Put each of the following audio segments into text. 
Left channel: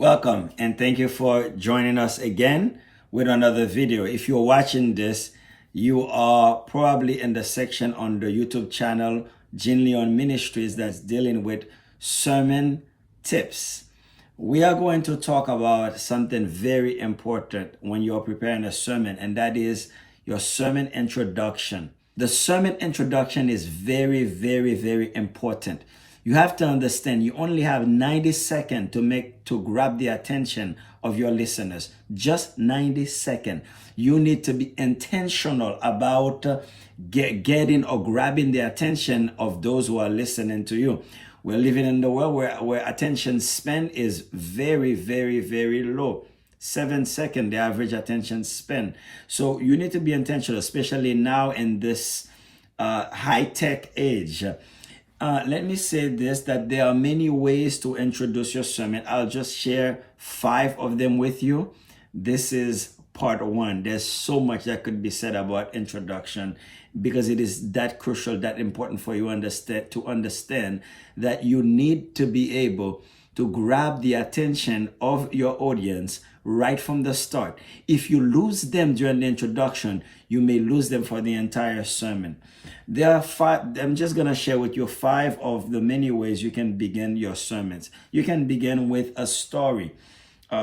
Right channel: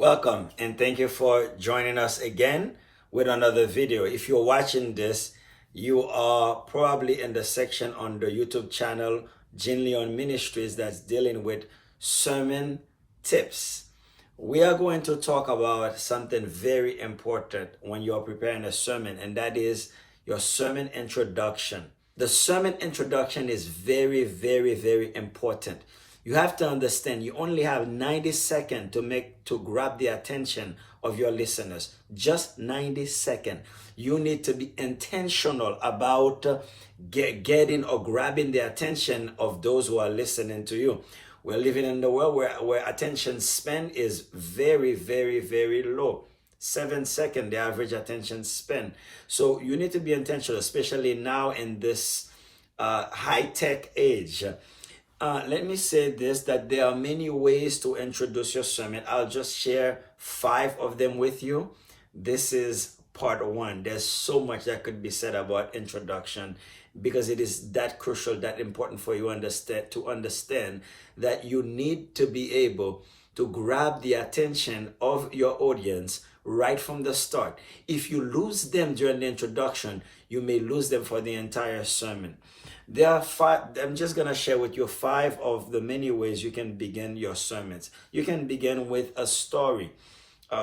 Welcome and thank you for joining us again with another video. If you're watching this, you are probably in the section on the YouTube channel Gene Leon Ministries that's dealing with sermon tips. We are going to talk about something very important when you're preparing a sermon, and that is your sermon introduction. The sermon introduction is very, very, very important. You have to understand you only have 90 seconds to grab the attention of your listeners. Just 90 seconds. You need to be intentional about getting or grabbing the attention of those who are listening to you. We're living in the world where attention span is very, very, very low. 7 seconds, the average attention span. So you need to be intentional, especially now in this high-tech age. Let me say this, that there are many ways to introduce your sermon. I'll just share 5 of them with you. This is part 1. There's so much that could be said about introduction because it is that crucial, that important for you to understand that you need to be able to grab the attention of your audience right from the start. If you lose them during the introduction, you may lose them for the entire sermon. There are 5, I'm just going to share with you 5 of the many ways you can begin your sermons. You can begin with a story.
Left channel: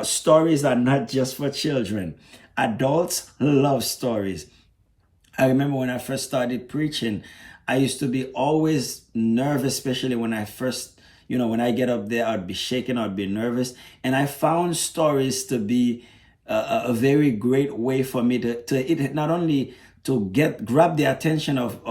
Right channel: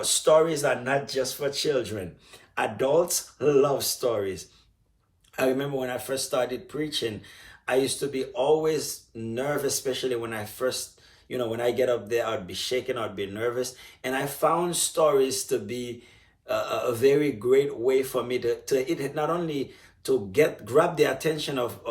Stories are not just for children. Adults love stories. I remember when I first started preaching, I used to be always nervous, especially when I first when I get up there, I'd be shaking, I'd be nervous. And I found stories to be a very great way for me to not only to grab the attention of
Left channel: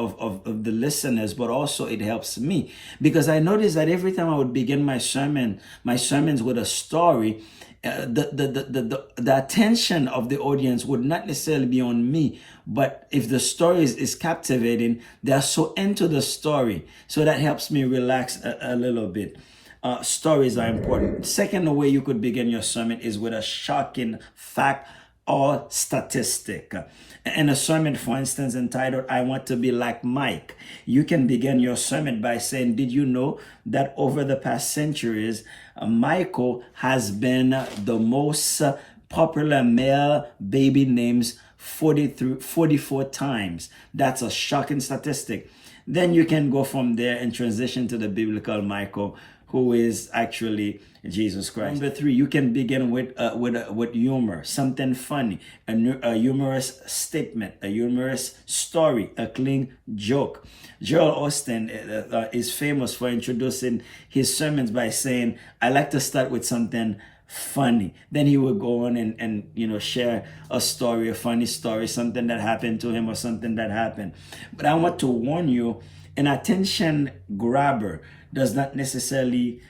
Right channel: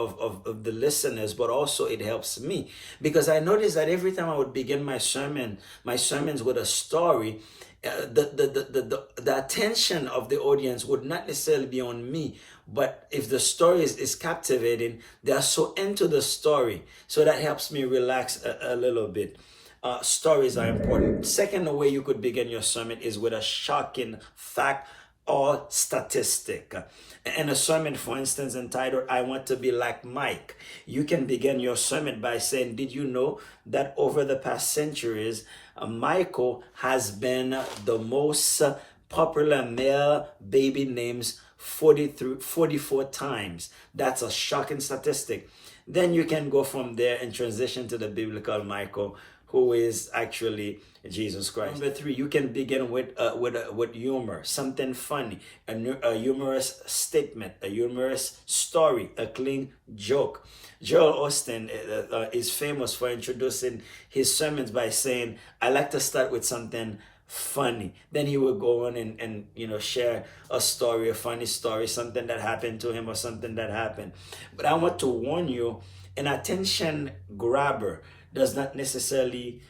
the listeners, but also it helps me. Because I noticed that every time I would begin my sermons with a story, the attention of the audience would not necessarily be on me, but if the story is captivating, they are so into the story. So that helps me relax a little bit. Stories are important. Second way you could begin your sermon is with a shocking fact or statistic. In a sermon, for instance, entitled, "I Want to Be Like Mike," you can begin your sermon by saying, did you know that over the past centuries, Michael has been the most popular male baby names 44 times. That's a shocking statistic. Then you can go from there and transition to the biblical Michael, who is actually Jesus Christ. Number 3, you can begin with humor, something funny, a humorous statement, a humorous story, a clean joke. Joel Osteen is famous for introducing his sermons by saying, "I like to start with something funny." Then he would go on and share a story, a funny story, something that happened to him or something that happened. But I want to warn you, an attention grabber does not necessarily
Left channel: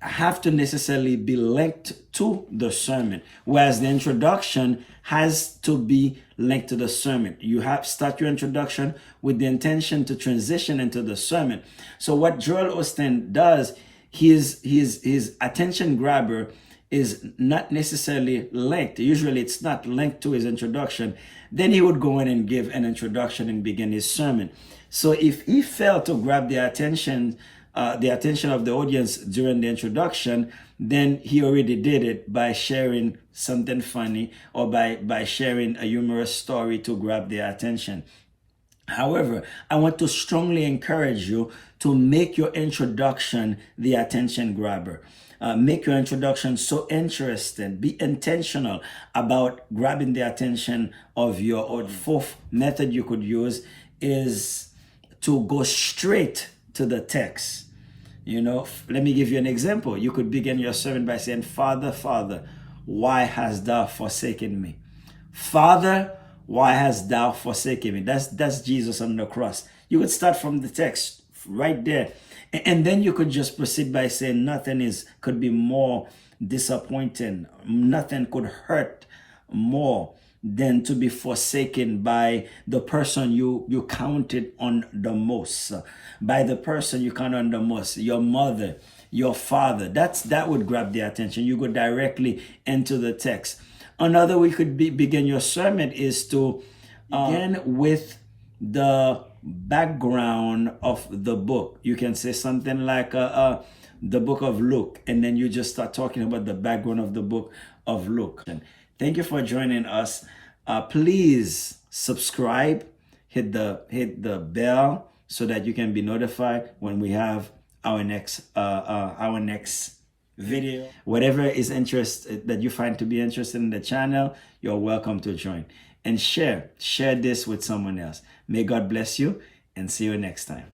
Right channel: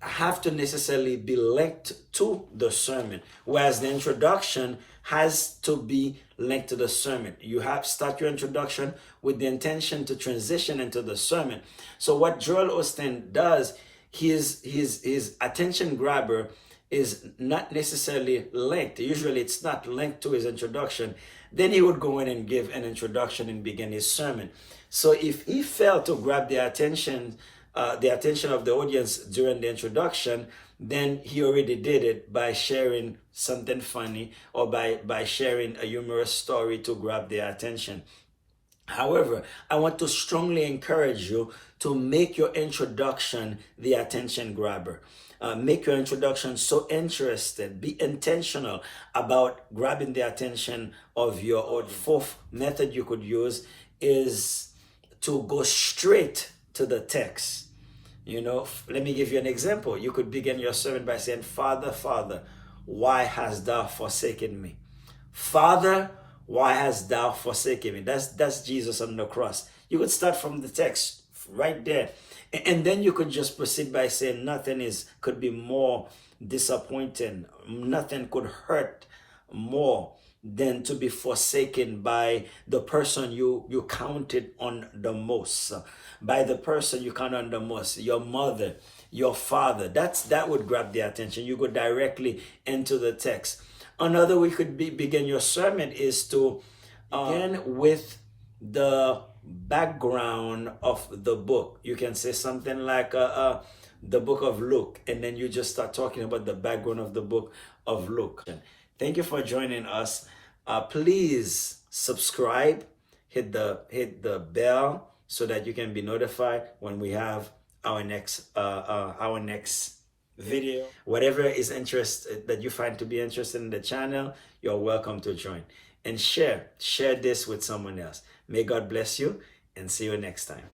have to be linked to the sermon, whereas the introduction has to be linked to the sermon. You have start your introduction with the intention to transition into the sermon. So what Joel Osteen does, his attention grabber is not necessarily linked. Usually it's not linked to his introduction. Then he would go in and give an introduction and begin his sermon. So if he failed to grab the attention of the audience during the introduction, then he already did it by sharing something funny or by sharing a humorous story to grab their attention. However, I want to strongly encourage you to make your introduction the attention grabber. Make your introduction so interesting. Be intentional about grabbing the attention of your audience. 4th method you could use is to go straight to the text. Let me give you an example. You could begin your sermon by saying, "Father, Father, why hast thou forsaken me?" Father, why hast thou forsaken me? That's Jesus on the cross. You could start from the text right there. And then you could just proceed by saying nothing could be more disappointing. Nothing could hurt more than to be forsaken by the person you counted on the most, by the person you counted on the most, your mother, your father. That would grab the attention. You go directly into the text. Another way you could begin your sermon is to begin with the background of the book. You can say something like, the book of Luke, and then you just start talking about the background of the book of Luke. And thank you for joining us. Please subscribe, hit the bell so that you can be notified when we have our next video. Whatever is interest that you find to be interested in the channel, you're welcome to join. And share this with someone else. May God bless you, and see you next time.